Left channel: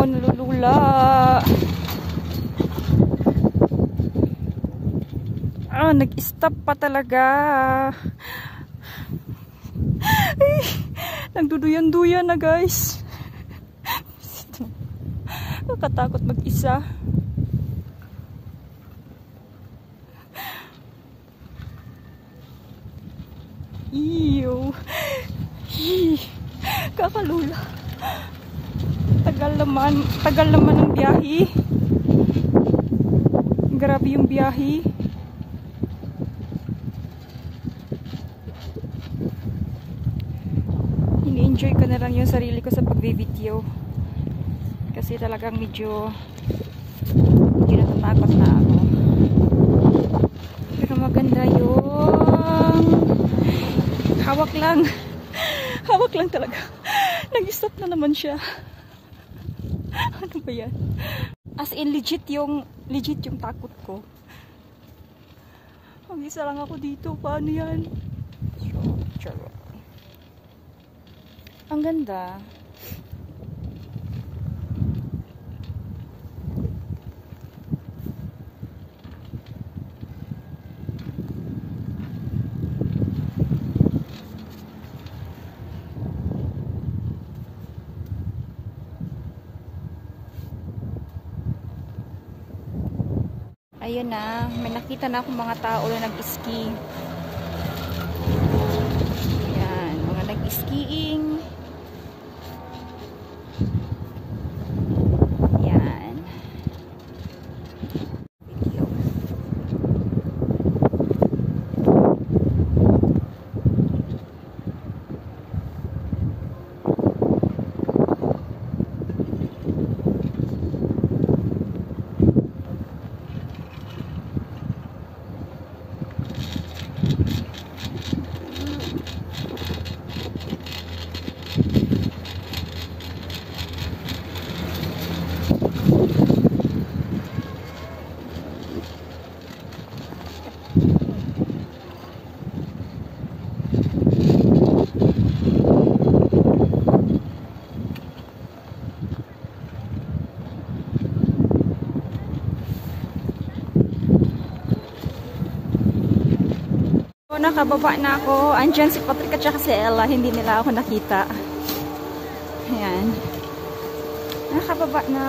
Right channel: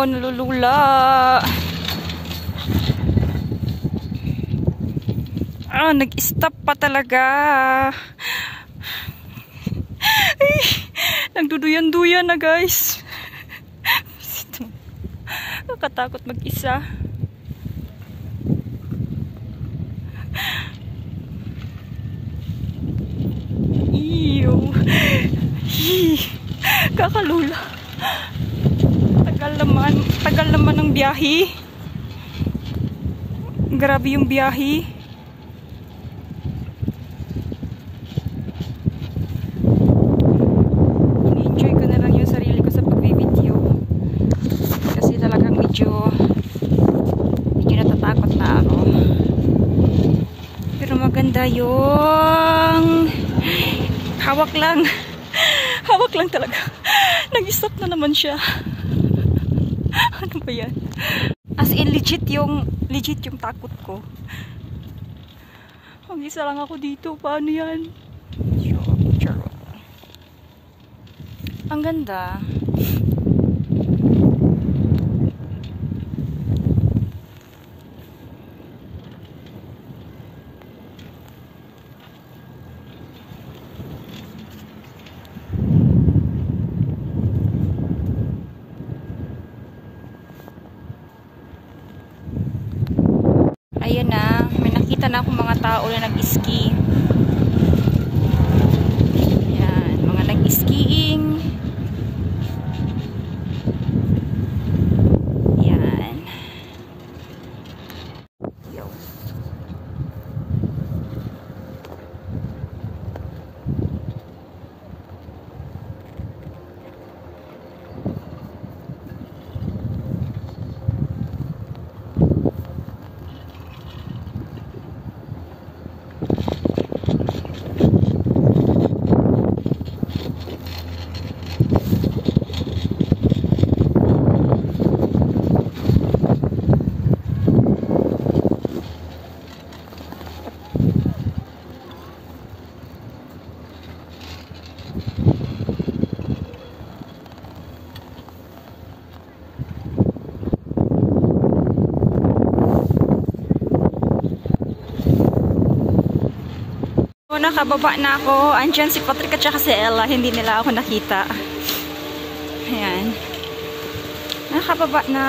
Oh, nalulula. Ah, nag-stop pa talaga. Ay, nagduduyan-duyan na guys. Nakatakot mag-isa. Ew. Kakalula. Tagal naman ng biyahe. Grabe yung biyahe. Ini-enjoy ko na lang yung sarili ko sa pag-video. Kasi talagang medyo natatakot na ako. Pero maganda yung hawak lang. Hawak lang talaga. Nag-stop na naman siya. Ano ba yan? As in legit yung takot ko. Mag-isa lang ako dito. Paano yan? Charot. Ang ganda. Ayan na, may nakita na akong mga tao na nag-ski. Ayan, mga nag-skiing. Ayan. Yo. Nakababa na ako. Andyan si Patrick at saka si Ella. Hindi nila ako nakita. Ayan. Nakababa na.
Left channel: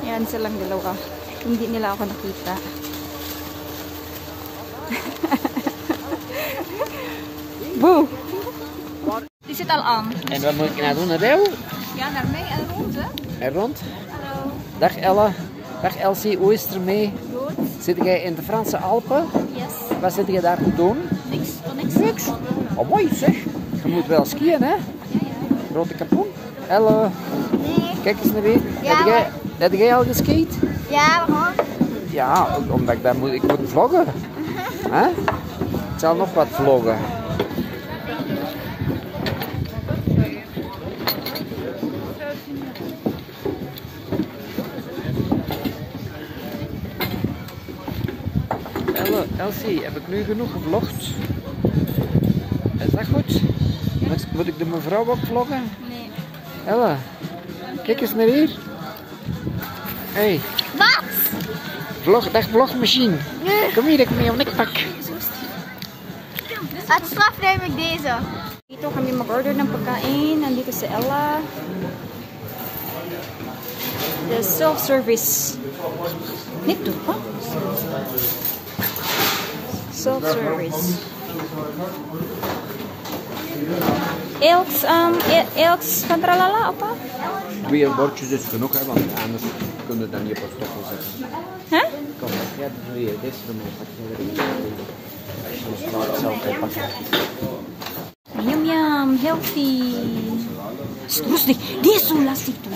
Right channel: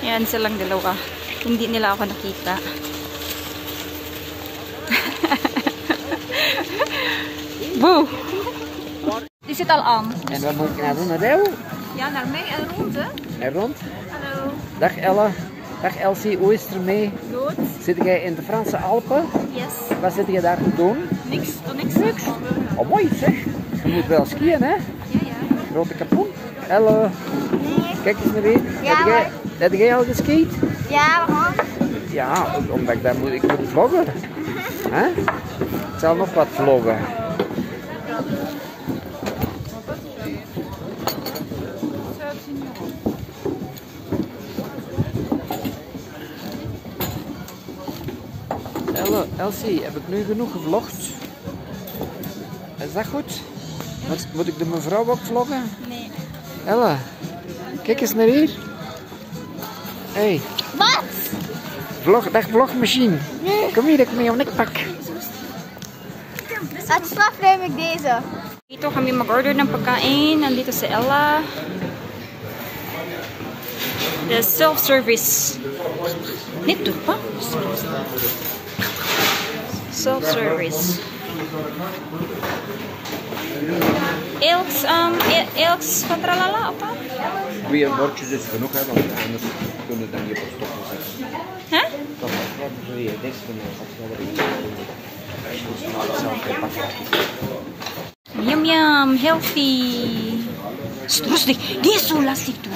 Ayan silang dalawa. Hindi nila ako nakita. Boe! Die zit al aan. En wat moet ik nou doen? Naar jou? Ja, naar mij en rond, hè? En rond? Hallo. Dag Ella. Dag Elsie, hoe is het ermee? Goed. Zit jij in de Franse Alpen? Yes. Wat zit je daar te doen? Niks. Niks. Oh mooi zeg. Je moet wel skiën hè? Ja, ja. Grote kapoen. Hallo. Kijk eens naar hier. Ja, heb jij al geskiet? Ja, we gaan. Ja, omdat ik moet vloggen. Hè? Ik zal nog wat vloggen. Elsie, heb ik nu genoeg gevlogd? Is dat goed? Moet ik de mevrouw ook vloggen? Nee. Ella, kijk eens naar hier. Hey. Wat? Dag vlogmachine. Kom hier, ik met jou nek pak. At straf neem ik deze. Dito kami mag-order ng pagkain. Nandito si Ella. The self-service. Nito pa? Self-service. Elks van tralala, opa? 2 bordjes is genoeg, hè, want anders kunnen we dan niet op het stoppen zetten. Hè? Ja, doe je dit van de Yum yum, healthy. Rustig, die is zo lastig toe.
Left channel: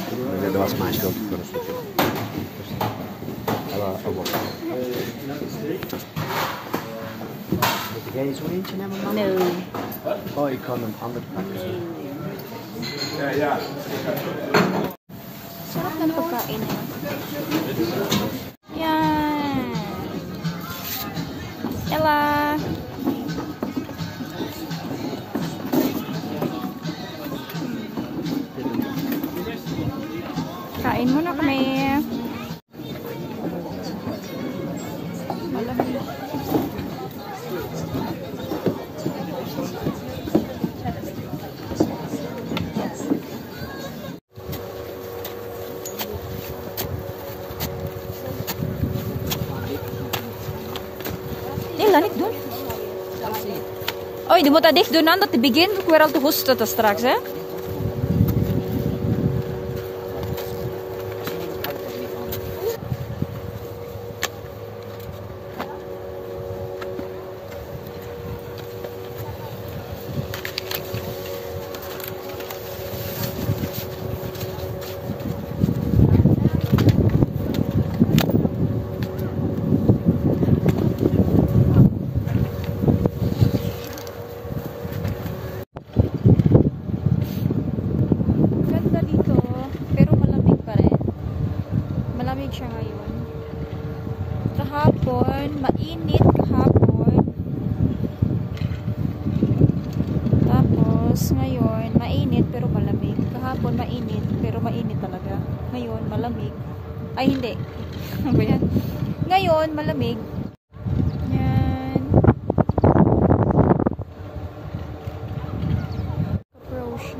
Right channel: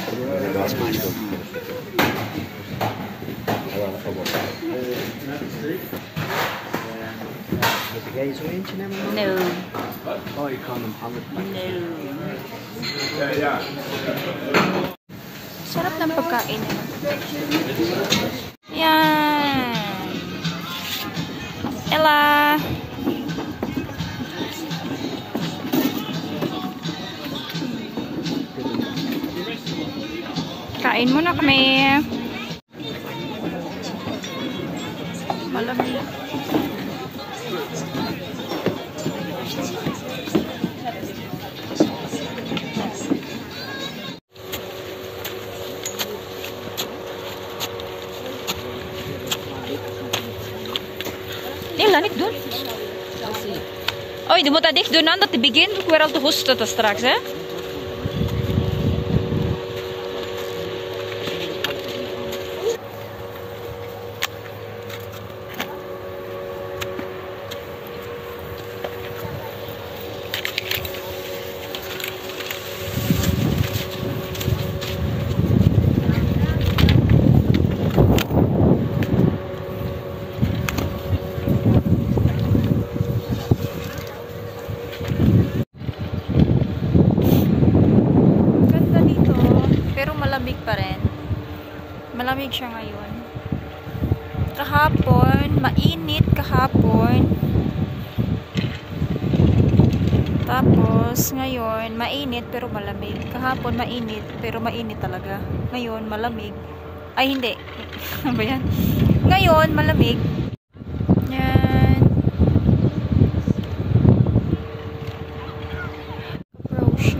Dat was mijn schuld. Moet jij zo eentje nemen? No. Oh, ik ga hem hangen. No. Ja. Sarap ng pagkain. Yan. Ella. Kain muna kami. Malamig. Yung lanik dun. Oj, du måste dikt dun att det begin går alltid hostet strax, eh? Malamig siya ngayon. Kahapon, mainit kahapon. Tapos, ngayon, mainit pero malamig. Kahapon, mainit pero mainit talaga. Ngayon, malamig. Ay, hindi. Ano ba yan? Ngayon, malamig. Yan. Approach.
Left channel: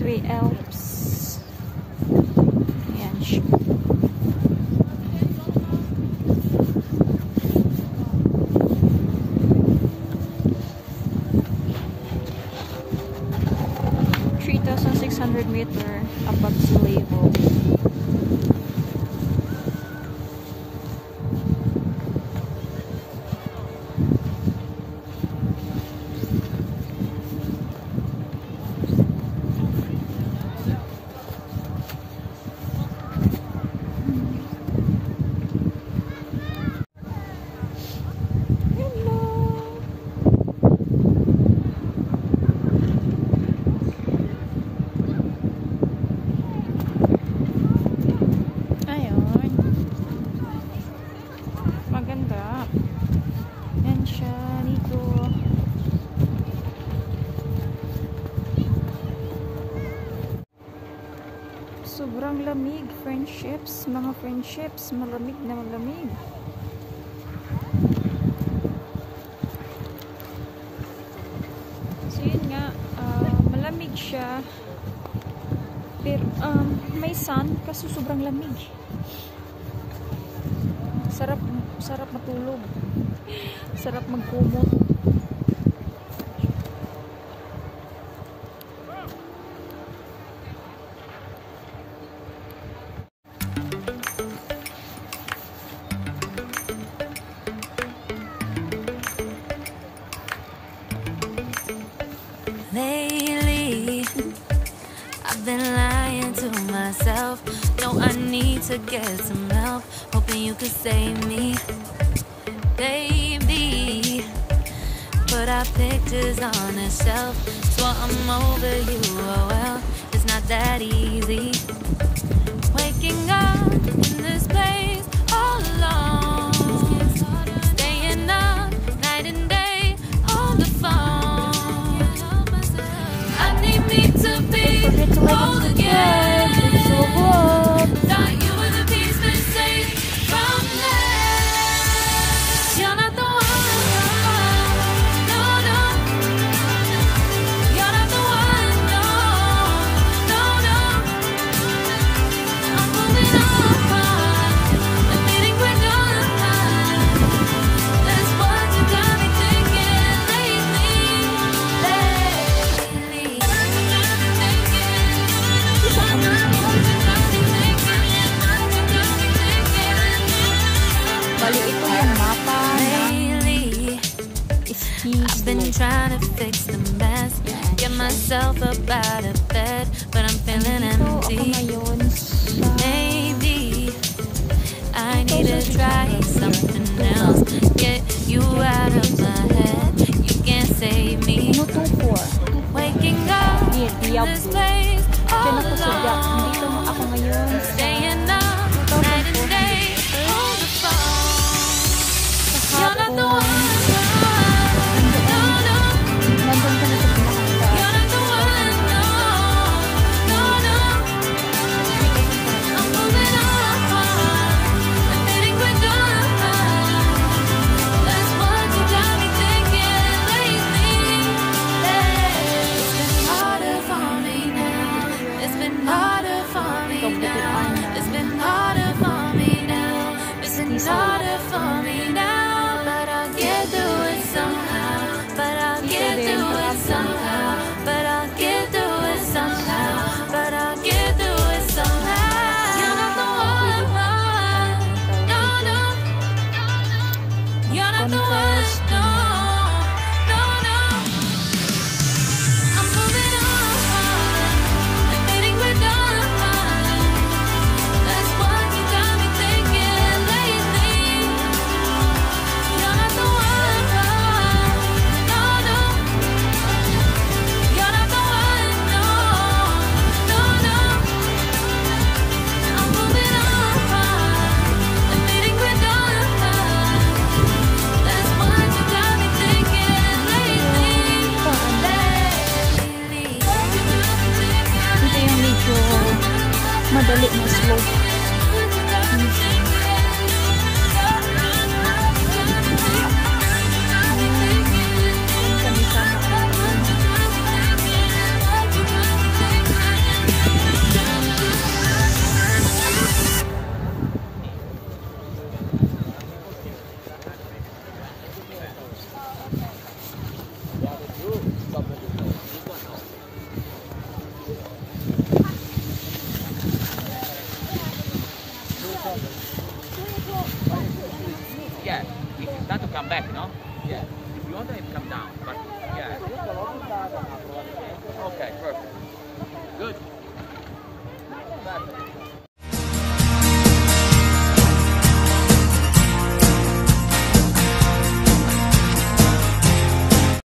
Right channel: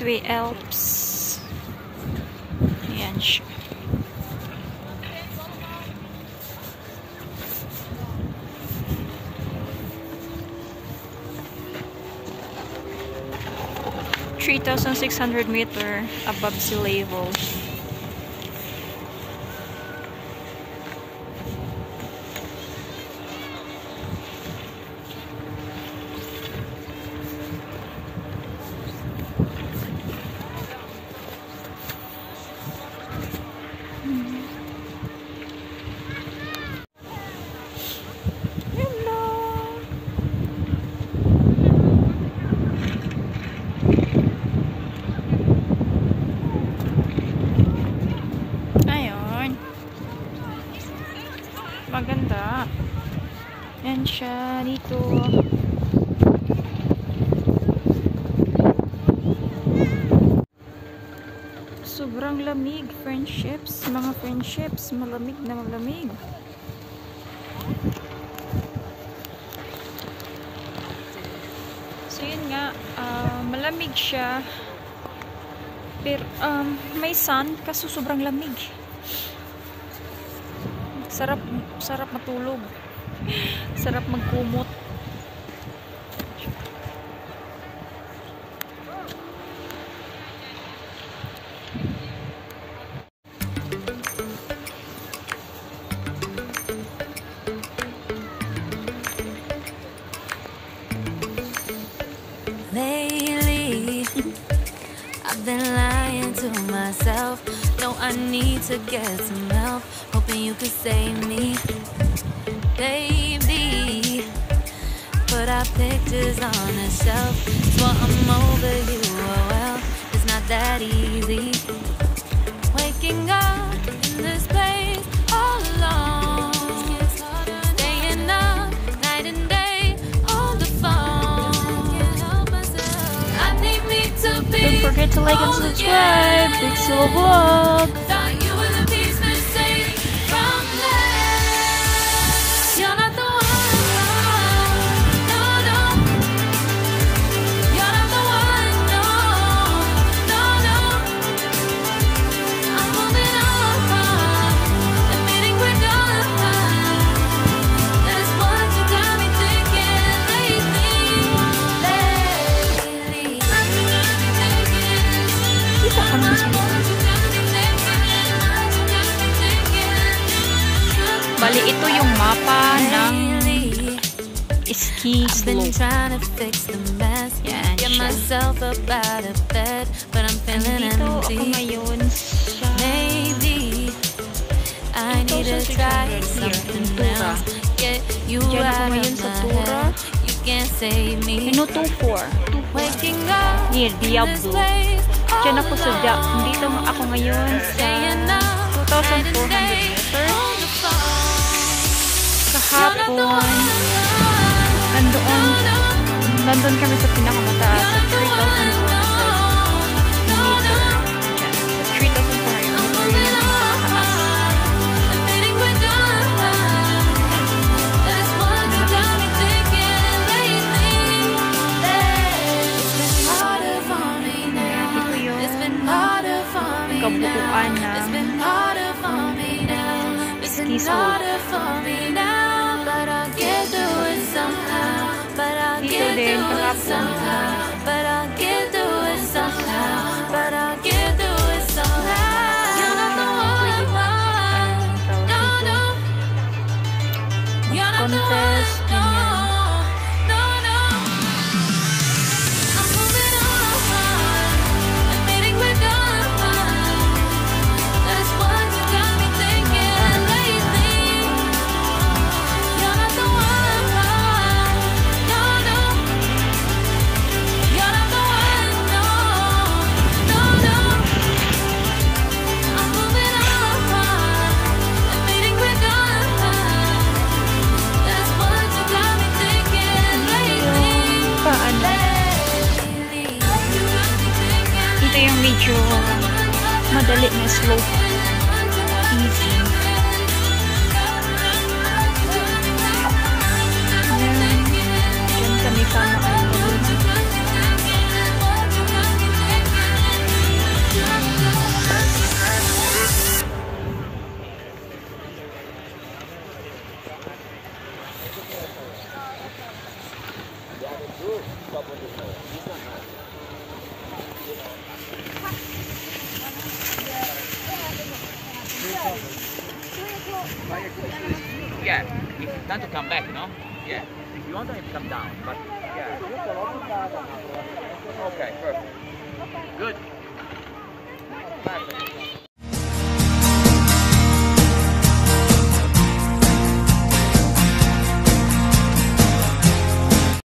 Deux Alpes. Ayan siya. (3,600 meters above sea level). Maganda. Yan siya dito. Sobrang lamig, friendships. Mga friendships, malamig na malamig. So yun nga, malamig siya. Pero may sun, kaso sobrang lamig. Sarap matulog. Sarap magkumot. Lately, I've been lying to myself. No, I need to get some help. Hoping you could save me, baby. Put our pictures on a shelf. Swore I'm over you, oh well, it's not that easy. Waking up in this place all alone, staying up night and day on the phone. I need me to be. Don't forget to like and subscribe. It's a vlog. Thought you were the piece missing from left. You're not the one, no, no. You're not the one, no, no, no. I'm moving on and meeting we're done. That's what you got me thinking lately. That's what you got me thinking. What you got me thinking. What you got me thinking. Bali, ito yung mapa ng ski I've been slope. trying to fix the mess, Yan get siya. myself up out of bed, but I'm feeling Dito ako empty. ngayon sa Maybe I need to try something else. Get you out of my head. You can't save me. ano 2-4. Waking up Near in this Diablo. place Diyan all ako sa alone. dito ako ngayon sa Staying up night and 2,400 day meters. on the phone. Sa You're not the hapon, one. nandun kami sa pinakamataas You're sa not the one. 3,400. No, no. Sa 3,400 I'm moving on. Admitting we're done. That's what you got me thinking lately. It's been harder for me now. It's been harder for me kabuuan now. na It's been harder for me now. It's been ski slope. harder for me now. But I'll get through it somehow. But I'll Dito get din, through it kahapon. somehow. But I'll get through it somehow. But I'll get through it somehow. You're not the one. No, no. You're not the one. Contest, No, no, no. I'm moving on. Admitting we're done. That's what you got me thinking lately. You're not the one. No, no. You're not the one. No, no, no. I'm moving on. Admitting we're done. That's what you got me thinking lately. paano. Lately. You got me thinking. Ito yung medyo madali na slope. Yan kami sama. Yeah, not to come back, no? Yeah. If you want to come down, but yeah. Okay, perfect. Good.